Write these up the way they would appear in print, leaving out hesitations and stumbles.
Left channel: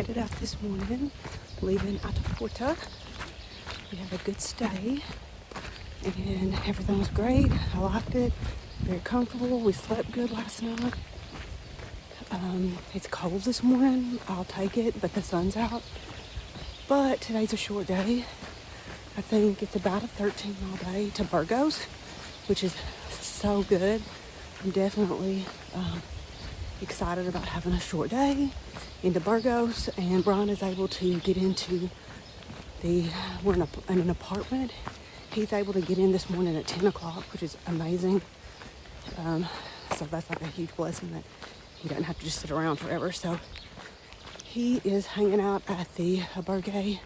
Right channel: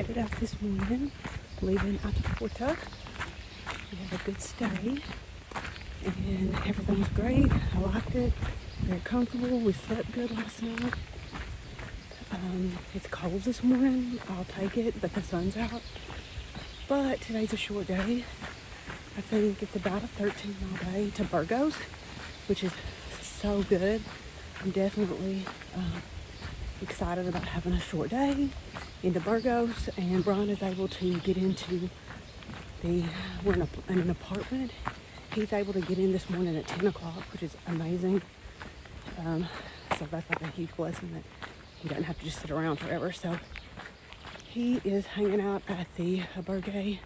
headed out this morning, leaving Atapuerca. We had a good stay, and everything was great. I liked it. Very comfortable. We slept good last night. It's cold this morning. I'll take it, but the sun's out. But today's a short day. I think it's about a 13-mile day to Burgos, which is so good. I'm definitely excited about having a short day into Burgos, and Brian is able to get into we're in an apartment. He's able to get in this morning at 10 o'clock, which is amazing. So that's like a huge blessing that he doesn't have to just sit around forever. So he is hanging out at the albergue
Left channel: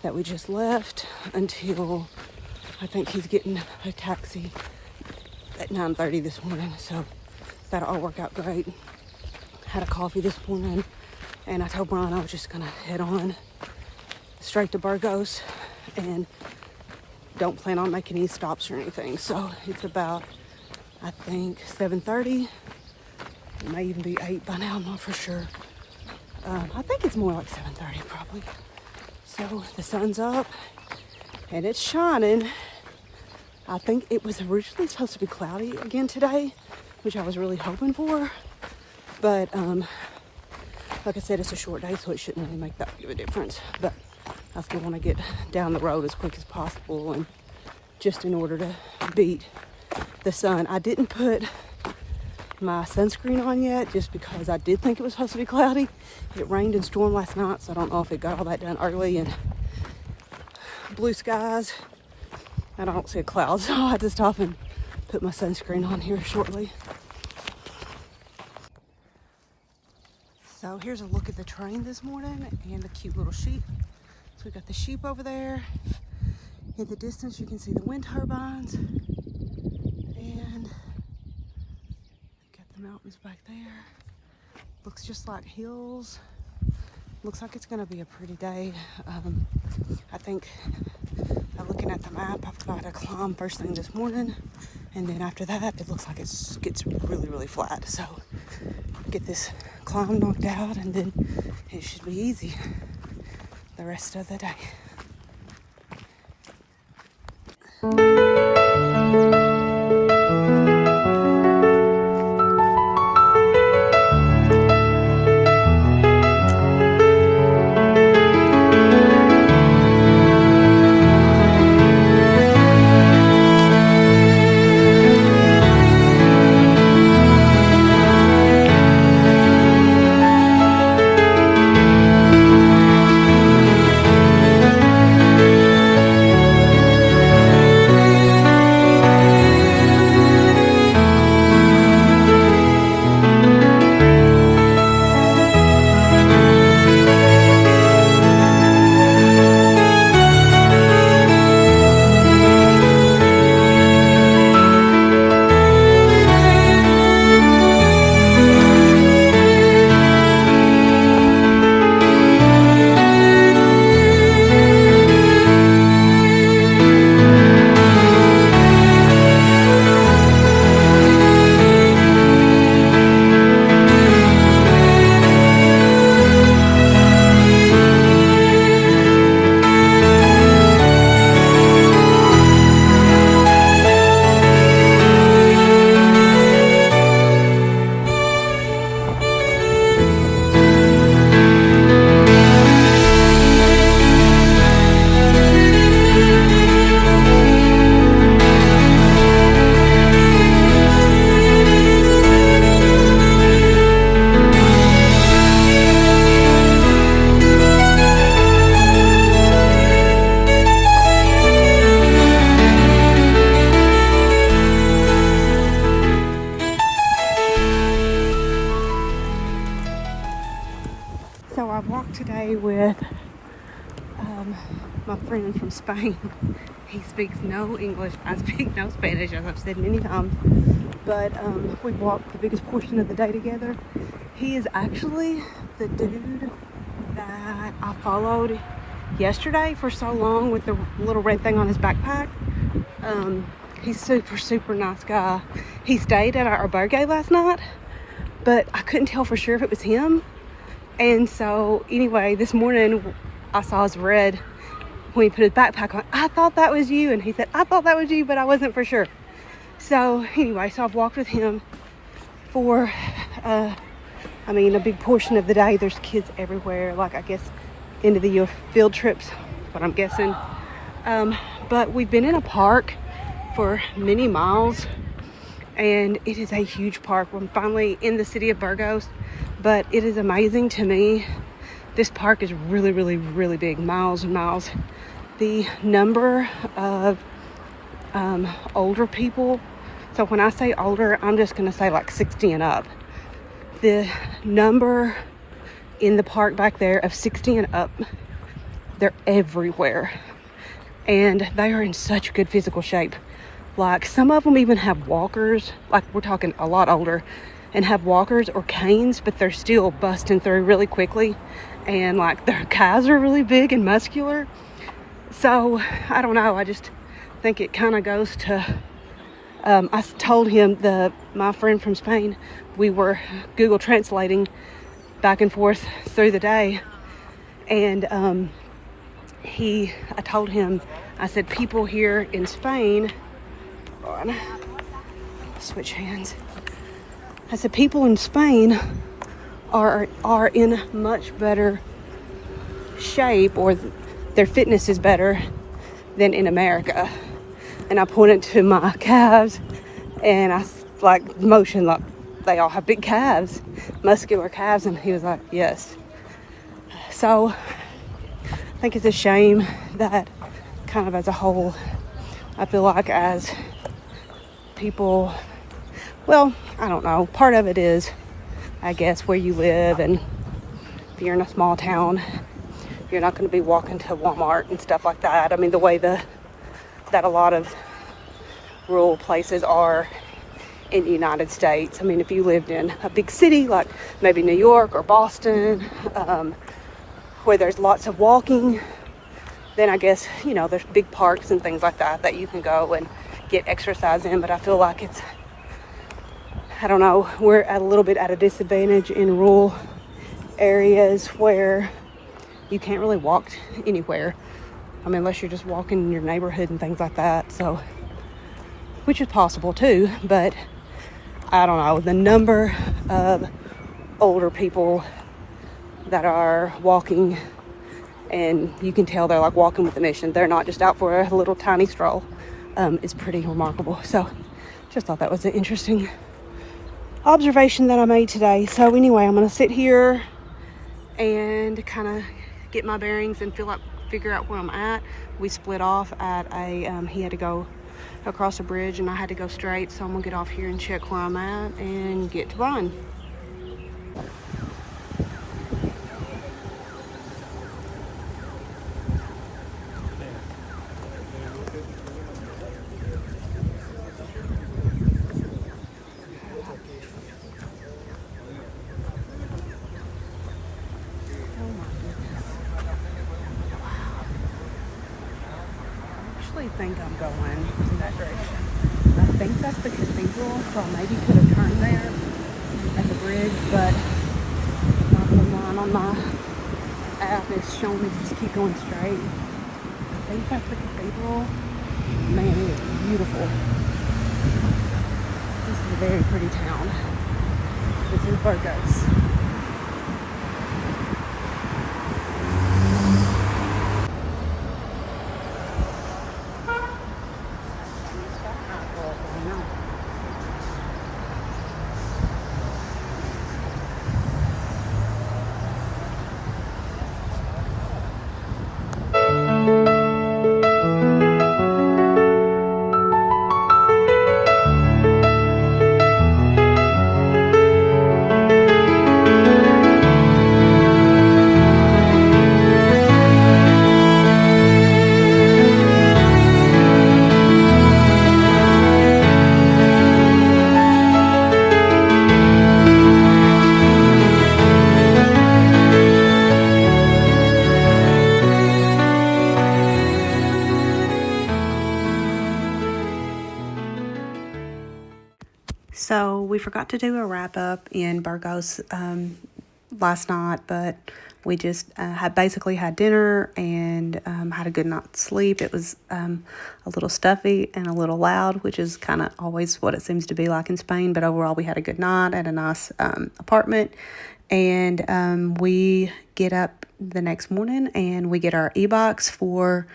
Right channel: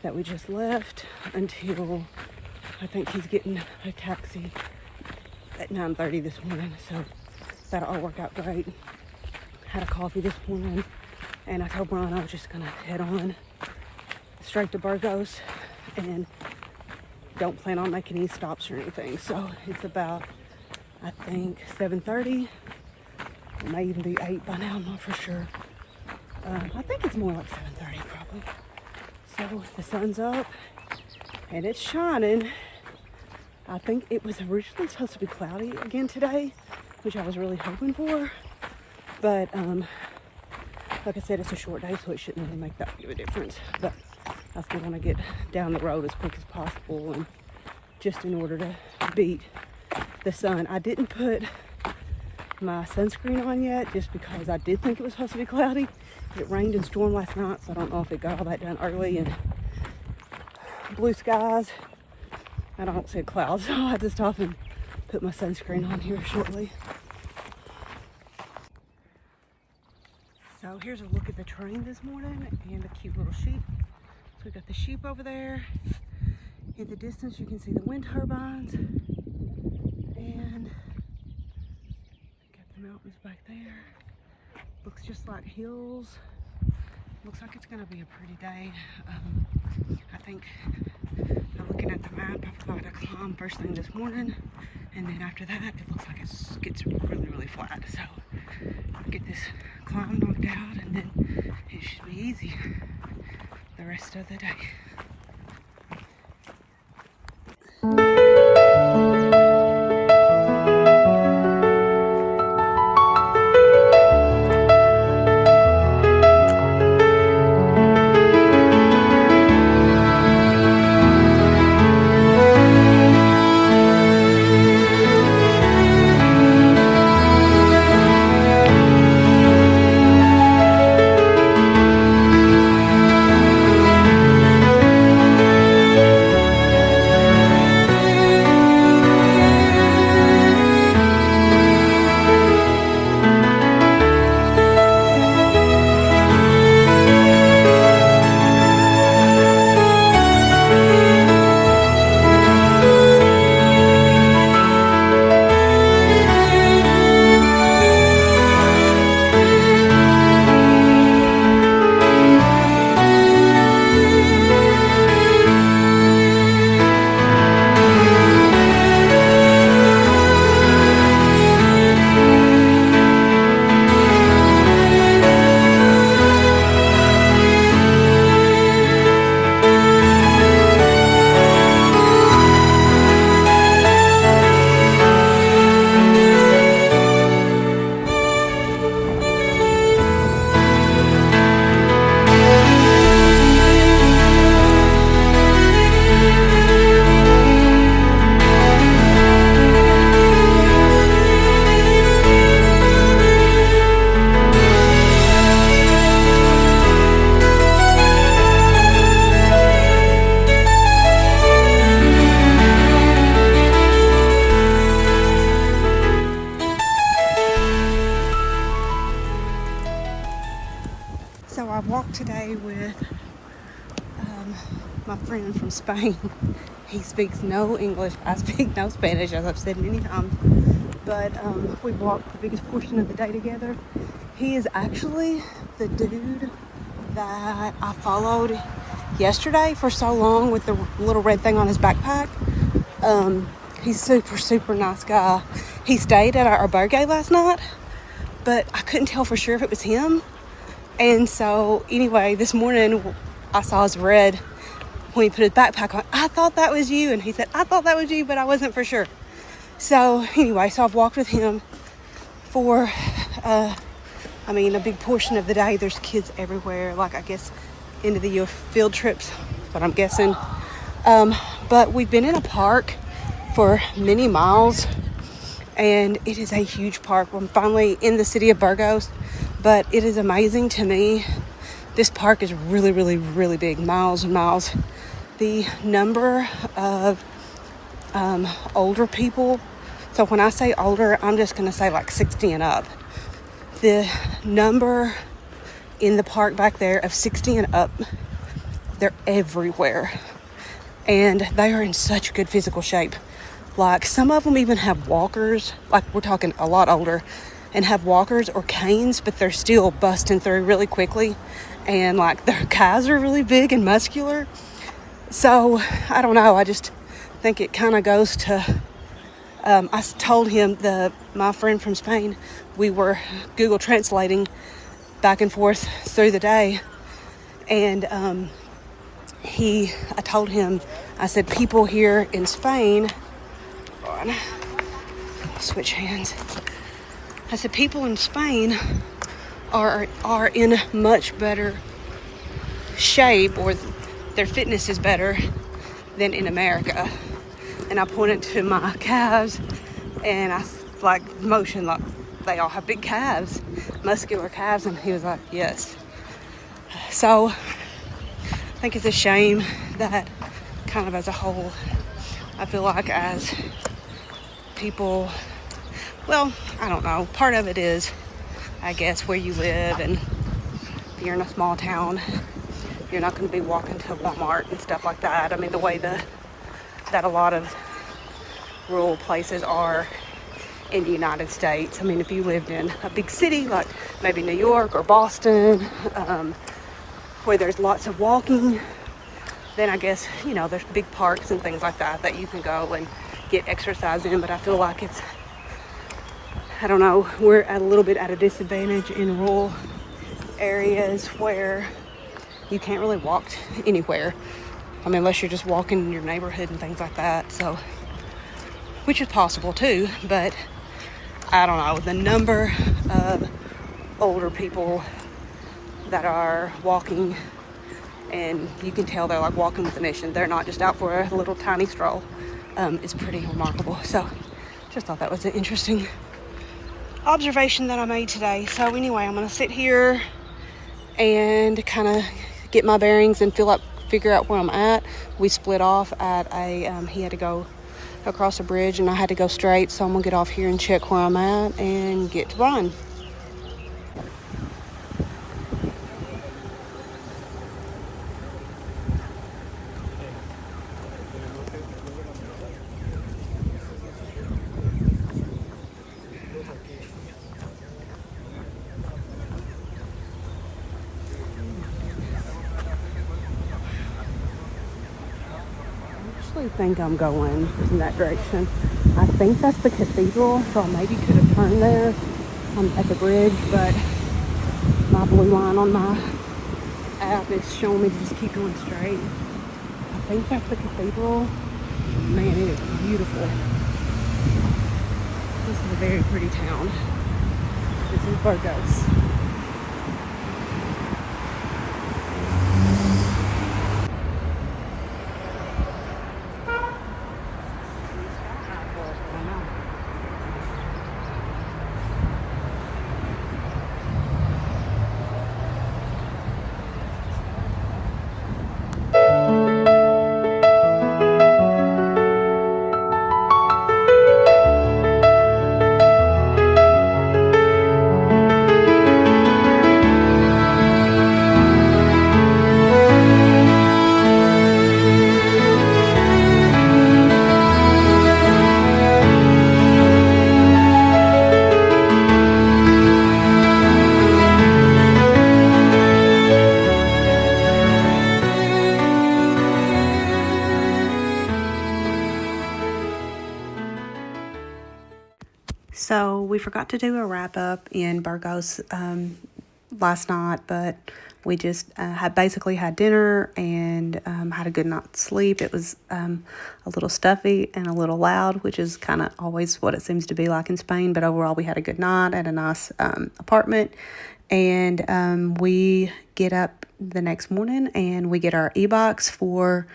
that we just left until I think he's getting a taxi at 9:30 this morning. So that'll all work out great. Had a coffee this morning, and I told Brian I was just gonna head on straight to Burgos and don't plan on making any stops or anything. So it's about, I think, 7:30. It may even be 8 by now, I'm not for sure. I think it's more like 7:30 probably. So the sun's up and it's shining. I think it was originally supposed to be cloudy again today, which I was really hoping for. But like I said, it's a short day, so it shouldn't really make that big of a difference. But I still want to get down the road as quick as possible, and just in order to beat the sun. I didn't put my sunscreen on yet just because I did think it was supposed to be cloudy. It rained and stormed last night, so I don't know if it got all that done early, and blue skies. I don't see a cloud, so I'll have to stop and put my sunscreen on here shortly. So here's a look at the train this morning and the cute little sheep. So we got the sheep over there. In the distance you can see the wind turbines. And got the mountains back there. Looks just like hills. Looks like it's gonna be a pretty day. I think, I'm looking at the map, I've got to climb first thing this morning. And then after that, it looks like it gets really, really flat. So get this climb knocked out, and then it should be easy the rest of the day. So I walked today with my friend from Spain. He speaks no English. I speak no Spanish, as I've said many times. But we walked the biggest portion of the day together. He is actually the dude that I followed yesterday for so long with the little red thing on his backpack. He's super nice guy. He stayed at our albergue last night, but I couldn't tell for sure if it was him. And so anyway, this morning I saw his red when he put his backpack on. I thought that was you. And he said, I thought that was you, but I wasn't for sure. So anyway, so I've walked with him for, a big portion of the day. There's kids everywhere. Like, I guess, end of the year field trips, what I'm guessing. But we've been in a park for many miles, and it is a huge park. I'm finally in the city of Burgos, but it is amazing to me. This park is really, really, really big, miles and miles. The number of older people, so when I say older, I'm just going to say like 60 and up. The number in the park back there of 60 and up, they're everywhere. And they are in such good physical shape. Like, some of them even have walkers, like we're talking a lot older, and have walkers or canes, but they're still busting through really quickly. And like, their calves are really big and muscular. So I don't know, I just think it kind of goes to, I told him, my friend from Spain, we were Google translating back and forth through the day. And I told him, I said, people here in Spain, hold on, switch hands. I said, people in Spain are in much better shape, or their fitness is better than in America. And I pointed to my calves, and I like motioned like they all have big calves, muscular calves, and he was like, yes. So I think it's a shame that kind of as a whole, I feel like as people, well, I don't know, part of it is, I guess, where you live, and if you're in a small town, you're not going to be walking to Walmart and stuff like that. I mean, the way that a lot of rural places are in the United States. I mean, if you lived in a big city like maybe New York or Boston, where there's lots of walking, then I guess, there's big parks and things like that you can go and get exercise in. But I feel like it's, I don't know, we're a little bit at a disadvantage in rural areas where you can't really walk anywhere. I mean, unless you're just walking in your neighborhood and things like that. So, which is possible too, but I don't know, the number of older people that are walking, and you can tell they're like walking with a mission. They're not just out for a little tiny stroll. It's pretty remarkable. So just thought that was an interesting observation that I made today. So anyway, I'm going to sit here and kind of get my bearings and figure out where I'm at. We split off at he had to go across a bridge and I had to go straight. So I'm going to get off here and check where I'm at and get to Brian. I think I'm going in that direction. I think that's the cathedral, so I maybe could have turned there at the bridge, but my blue line on my app is showing me to just keep going straight. I think that's the cathedral. Man, it is beautiful. This is a very pretty town. This is Burgos. So we forgot to do a wrap up in Burgos last night, but we just had dinner and had a good night's sleep. It was a little stuffy and a little loud, which is kind of always what it seems to be like in Spain. But overall, we had a good night at a nice apartment. And we get up the next morning and we get our e-box for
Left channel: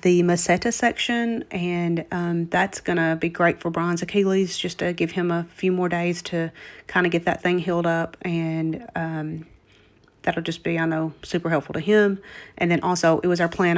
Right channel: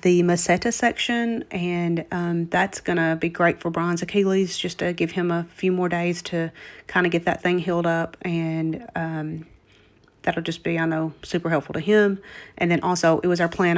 the Meseta section, and that's going to be great for Brian's Achilles, just to give him a few more days to kind of get that thing healed up, and that'll just be, I know, super helpful to him. And then also, it was our plan